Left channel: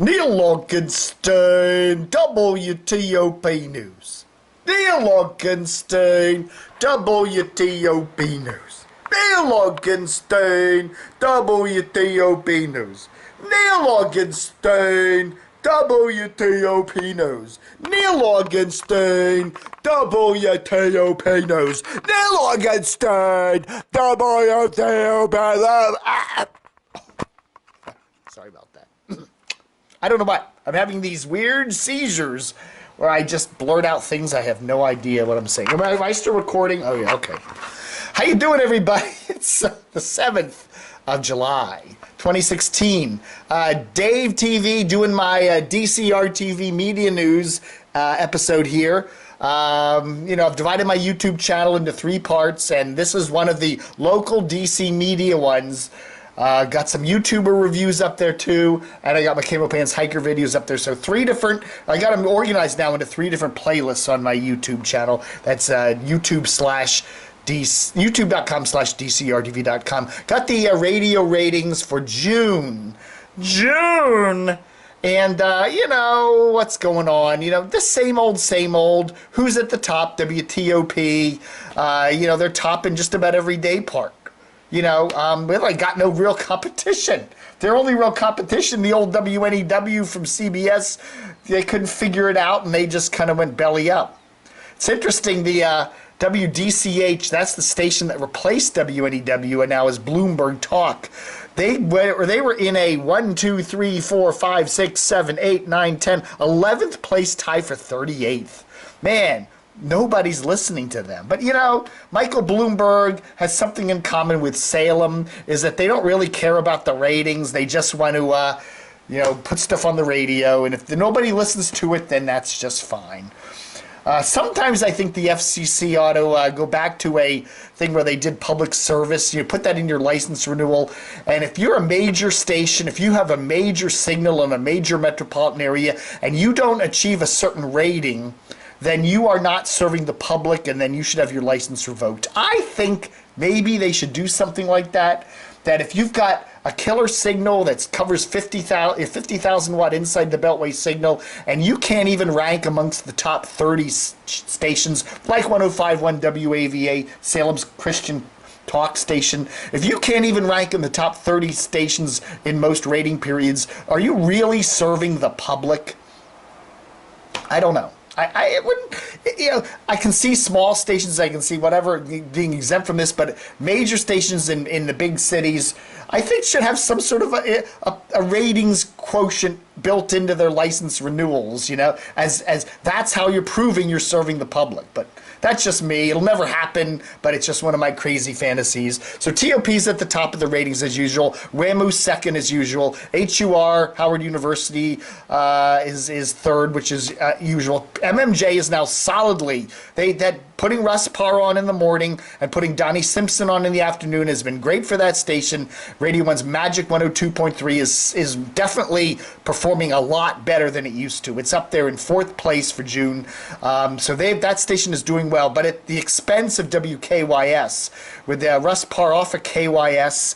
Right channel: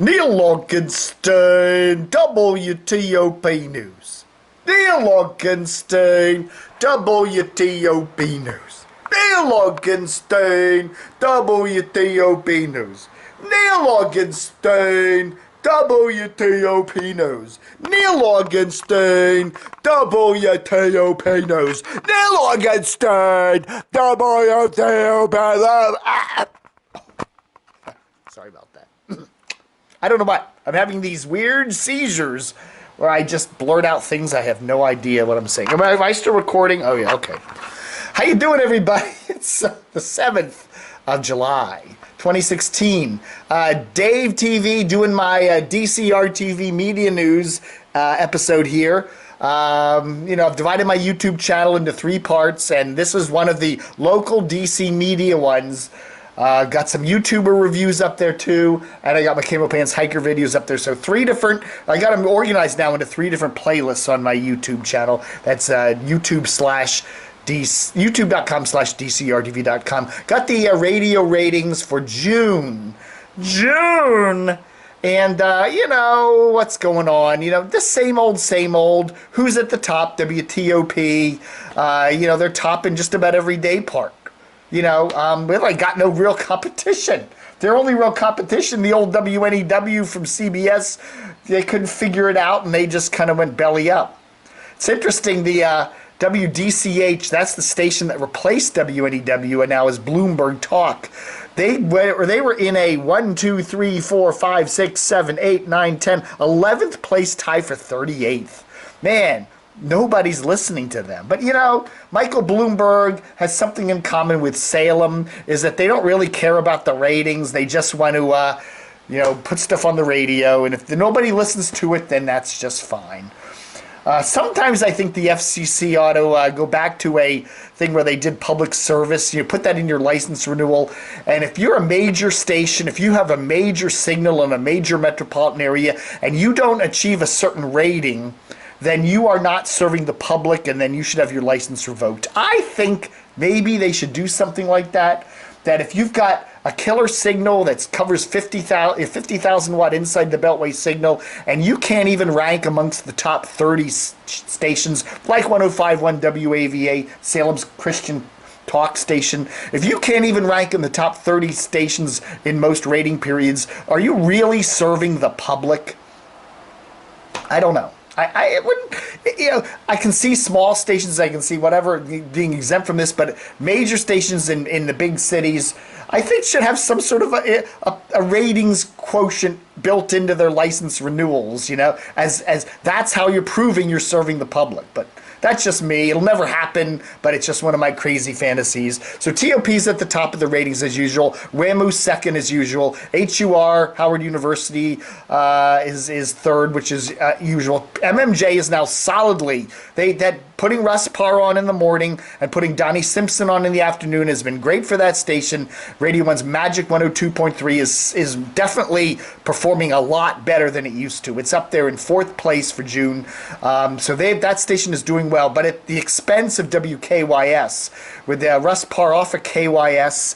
Neal Augenstein, WTOP News. Neal Augenstein, WTOP News. Neal Augenstein, WTOP News. Neal Augenstein, WTOP News. Neal Augenstein, WTOP News. Neal Augenstein, WTOP News. Sorry about that. I don't know why. I'm having these weird seizures where I just blurt out things I have no idea what I'm saying. Am I still recording? Oh, yeah, okay. How you doing, everybody? It's the 7th of July, 2016. Dave TV doing my DCRTV Media News episode here. I've divided my YouTube channel into 3 parts, and this is one of the local DC media ones. Got some YouTuber reviews up there too, and I got my Camo Pants hiker videos up there. So I got them organized now into 3 different playlists on my YouTube channel. That's youtube.com/DCRTV.com. Got the radio ratings for June. And, what's going on? The same old. Who's at the top? WTOP. They're topping just about every day part. We got no real competition. Their only real competition, the old WNEW from CBS, they couldn't figure it out, and they just kind of went belly up. It's interesting, the WDCH, that's the station that replaced WNEW and now is Bloomberg Talk. They were in a 1, 2, 3, 4, 5, 6, 7, 8, 9, 10, 11th place tie for 38th. Man, nobody's listening to them. But, Michael Bloomberg has something in common with Salem, is that they don't really care about the ratings. They just want to, put stuff on the radio. And if nobody listens to it, then that's just fine. Sometimes I think the FCC ought to go back to a thing where they did public service. You put that in your license renewal. And if you're a major station, if you have a major signal in a major metropolitan area, and you don't achieve a certain rating, then you are not serving the public, and then you should have your license revoked. I think maybe they should do something like that, that if you've got a killer signal that covers 50,000 watt inside the beltway signal, and you can't even rank amongst the top 30 stations, like 105.1 WAVA, Salem's Christian talk station, if you can't even rank in the top 30 stations in most rating periods, are you really serving the public? I don't know. I wouldn't, I can see small stations, I can see whatever being exempt from this, but major stations in the big cities, I think should have some sort of a ratings quotient built into their license renewals, as that's how you're proving you're serving the public. But that's just me. It'll never happen, but it's just one of my crazy fantasies. So TOP's at the top of the ratings as usual. WMAL second as usual. HUR, Howard University, is third, which is usual. MMJ is now solidly, putting Russ Parr on in the morning and putting Donnie Simpson on in the afternoon has been great for that station. Radio 1's Magic 102.3 is definitely performing a lot better than it used to. It's up there in 4th place for June. So that station is doing well, but at the expense of WKYS. With Russ Parr off of KYS,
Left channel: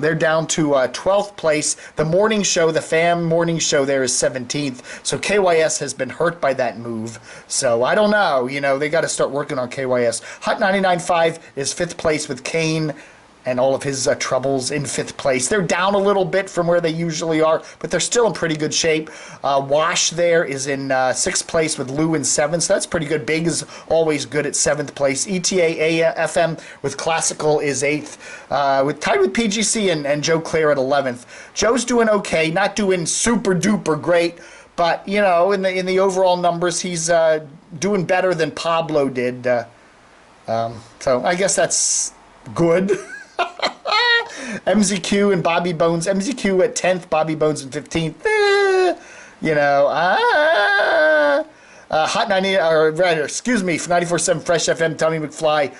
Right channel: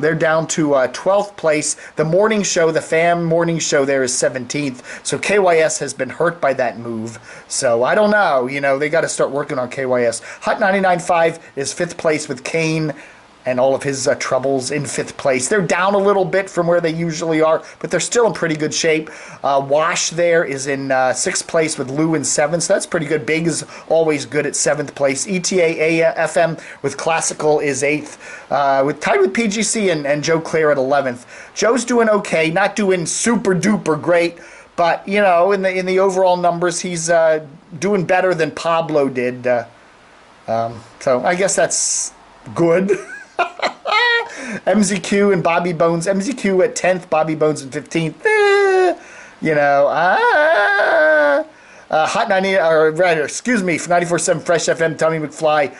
they're down to 12th place. The morning show, the FAM morning show there is 17th. So KYS has been hurt by that move. So I don't know. They got to start working on KYS. Hot 99.5 is 5th place with Kane and all of his troubles in 5th place. They're down a little bit from where they usually are, but they're still in pretty good shape. Wash there is in 6th place with Lou in 7th, so that's pretty good. Big is always good at 7th place. ETA FM with Classical is 8th, tied with PGC and Joe Clare at 11th. Joe's doing okay, not doing super duper great, but in the overall numbers, he's doing better than Pablo did. So I guess that's good. MZQ and Bobby Bones. MZQ at 10th, Bobby Bones in 15th. Hot 90, or rather, excuse me, 94.7 Fresh FM, Tommy McFly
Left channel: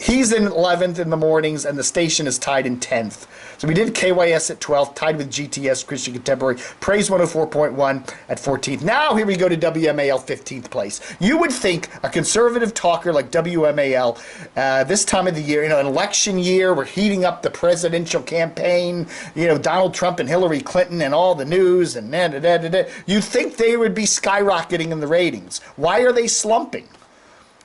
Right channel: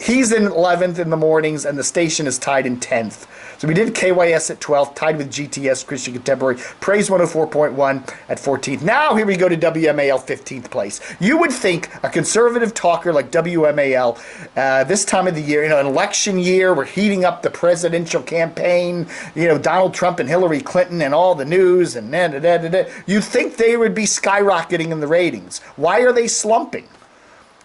He's in 11th in the mornings, and the station is tied in 10th. So we did KYS at 12th, tied with GTS, Christian Contemporary, Praise 104.1 at 14th. Now here we go to WMAL 15th place. You would think a conservative talker like WMAL, this time of the year, an election year, we're heating up the presidential campaign, Donald Trump and Hillary Clinton and all the news and you'd think they would be skyrocketing in the ratings. Why are they slumping?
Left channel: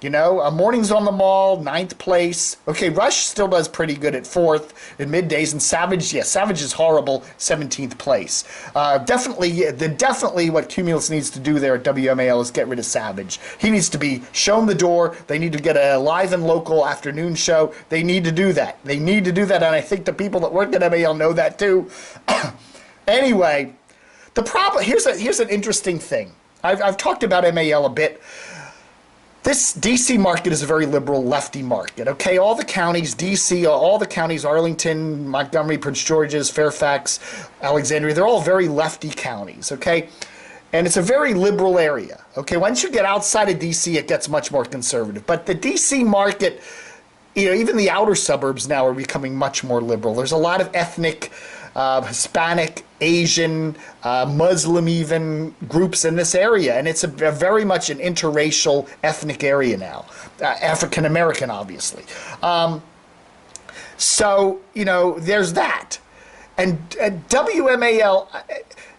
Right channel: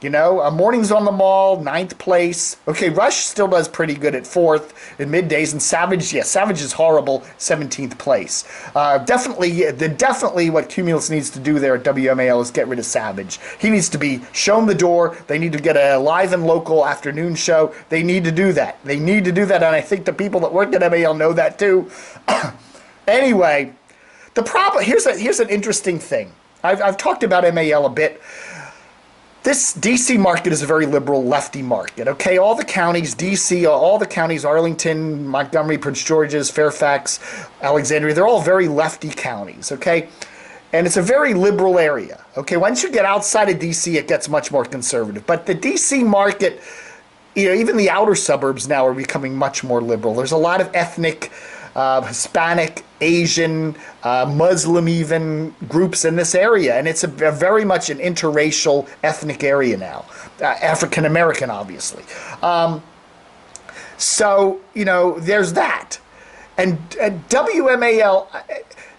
Mornings on the Mall, 9th place. Okay, Rush still does pretty good at 4th in middays, and Savage is horrible, 17th place. Definitely what Cumulus needs to do there at WMAL is get rid of Savage. He needs to be shown the door. They need to get a live and local afternoon show. They need to do that. And I think the people that work at MAL know that too. Anyway, the problem, here's an interesting thing. I've talked about MAL a bit. This D.C. market is a very liberal lefty market, okay? All the counties, D.C., all the counties, Arlington, Montgomery, Prince George's, Fairfax, Alexandria, they're all very lefty counties, okay? And it's a very liberal area, okay? Once you get outside of D.C., it gets much more conservative. But the D.C. market, even the outer suburbs now are becoming much more liberal. There's a lot of ethnic, Hispanic, Asian, Muslim even groups in this area, and it's a very much an interracial ethnic area now, African American obviously. So there's that, and WMAL.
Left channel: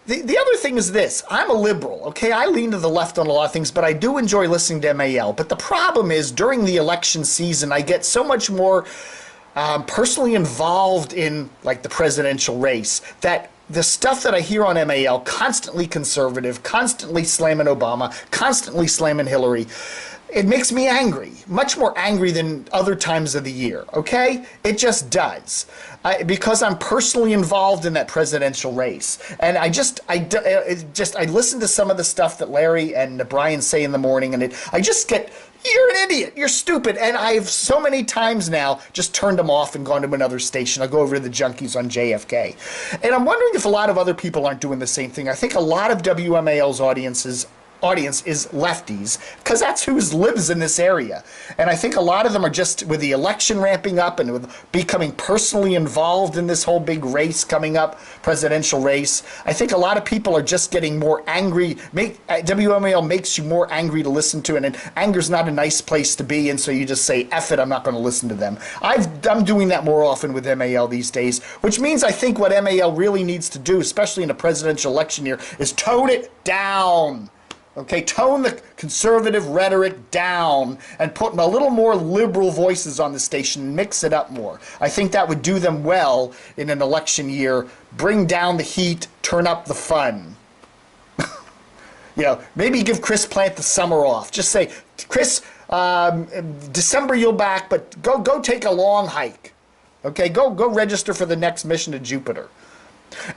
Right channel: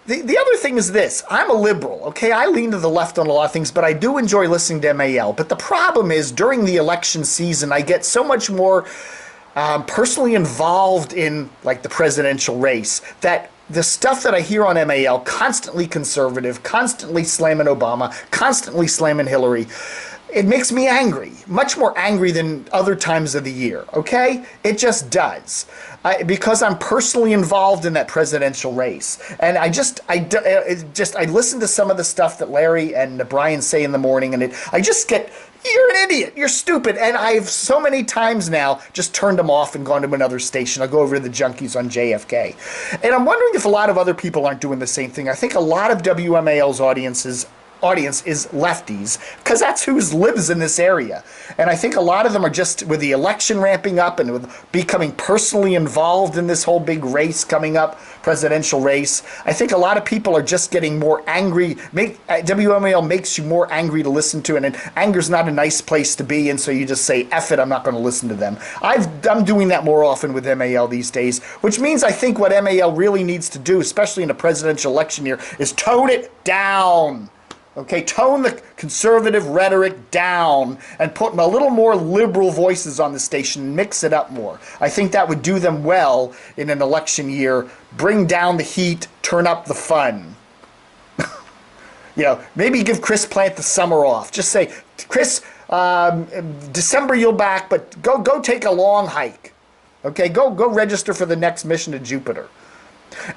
The other thing is this: I'm a liberal, okay? I lean to the left on a lot of things, but I do enjoy listening to MAL. But the problem is during the election season, I get so much more personally involved in like the presidential race that the stuff that I hear on MAL, constantly conservative, constantly slamming Obama, constantly slamming Hillary, it makes me angry, much more angry than other times of the year, okay? It just does. Because I'm personally involved in that presidential race. And I listen to some of the stuff that Larry and Brian say in the morning, and I just get, you're an idiot, you're stupid. And I've so many times now just turned them off and gone to another station. I'll go over to the Junkies on JFK. And I'm wondering if a lot of other people aren't doing the same thing. I think a lot of WMAL's audience is lefties, because that's who lives in this area. And I think a lot of them are just, with the election ramping up and with becoming personally involved in this whole big race coming up, presidential race, I think a lot of people are just getting more angry. WMAL makes you more angry to listen to, and anger's not a nice place to be, and so you just say, F it, I'm not going to listen to them. I'm doing that more often with MAL these days, which means I think what MAL really needs to do, especially in a presidential election year, is tone it down. Okay, tone the conservative rhetoric down and put a little more liberal voices on the station and mix it up more. I think that would do them well in an election year. Bring down the heat, turn up the fun. Maybe give Chris Plant the summer off. Just say, Chris, December you'll back, but go take a long hike. Okay, go register for the next mission to Jupiter.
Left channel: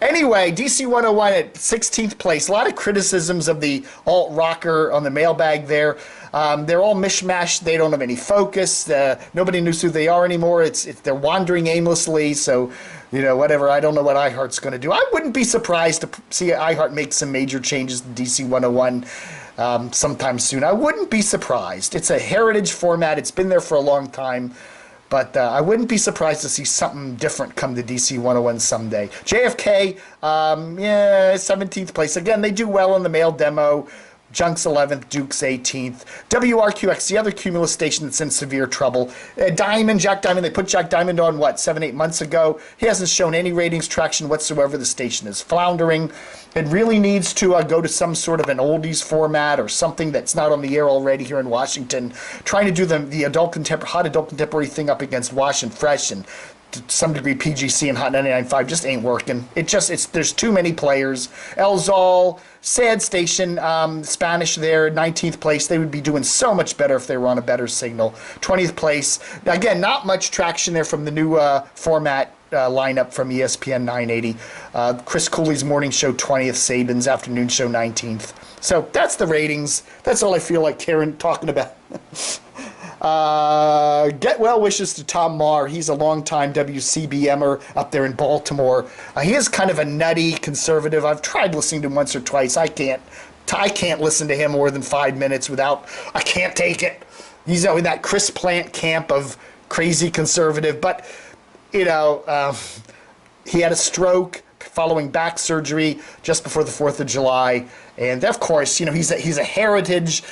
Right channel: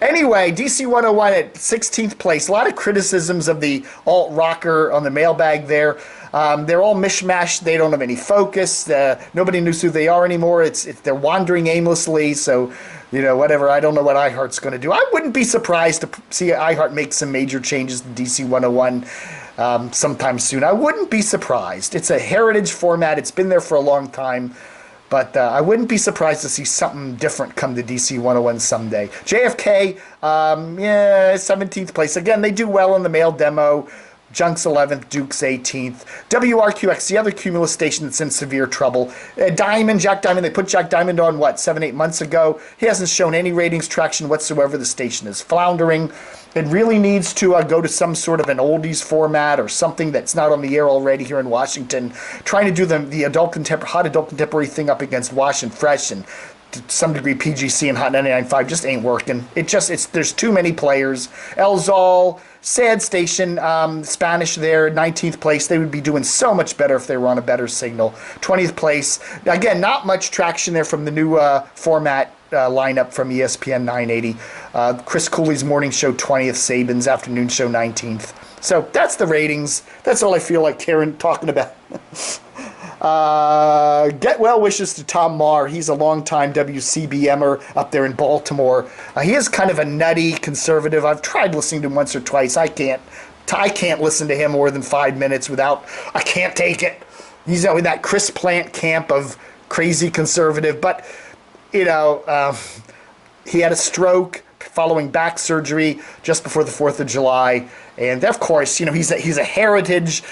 Anyway, DC 101 at 16th place. A lot of criticisms of the alt-rocker on the mailbag there. They're all mishmash. They don't have any focus. Nobody knows who they are anymore. They're wandering aimlessly. So, whatever. I don't know what iHeart's going to do. I wouldn't be surprised to see iHeart make some major changes to DC 101 sometime soon. I wouldn't be surprised. It's a heritage format. It's been there for a long time. But I wouldn't be surprised to see something different come to DC 101 someday. JFK, 17th place. Again, they do well in the mail demo. Junk's 11th, Duke's 18th. WRQX, the other Cumulus station that's in severe trouble. Jack Diamond, they put Jack Diamond on, 7-8 months ago? He hasn't shown any ratings traction whatsoever. The station is floundering. It really needs to go to some sort of an oldies format or something that's not on the air already here in Washington. Trying to do the hot adult contemporary thing up against Wash and Fresh and to some degree PGC and Hot 99.5 just ain't working. There's too many players. El Zol, sad station, Spanish there, 19th place. They would be doing so much better if they were on a better signal. 20th place. Again, not much traction there from the new format lineup from ESPN 980. Chris Cooley's morning show 20th, Saban's afternoon show 19th. So that's the ratings. That's all I feel like Karen talking about. Get well wishes to Tom Marr. He's a longtime WCBMer up there in Baltimore. He is kind of a nutty conservative. I've tried listening to him once or twice. I can't listen to him more than 5 minutes without. I can't take it. He's in that Chris Plant camp of crazy conservative. But, you know, he had a stroke following back surgery just before the 4th of July. And of course, you know, he's a heritage,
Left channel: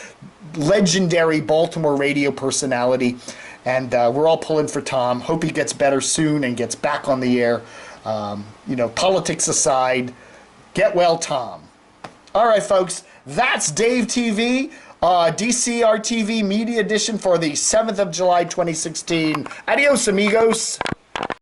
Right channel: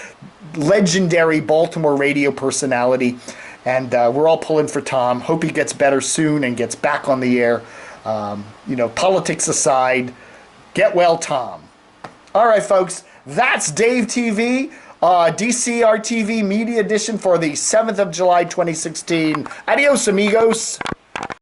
legendary Baltimore radio personality. And we're all pulling for Tom. Hope he gets better soon and gets back on the air. You know, politics aside, get well, Tom. All right, folks, that's Dave TV, DCR TV Media Edition for the 7th of July, 2016. Adios, amigos.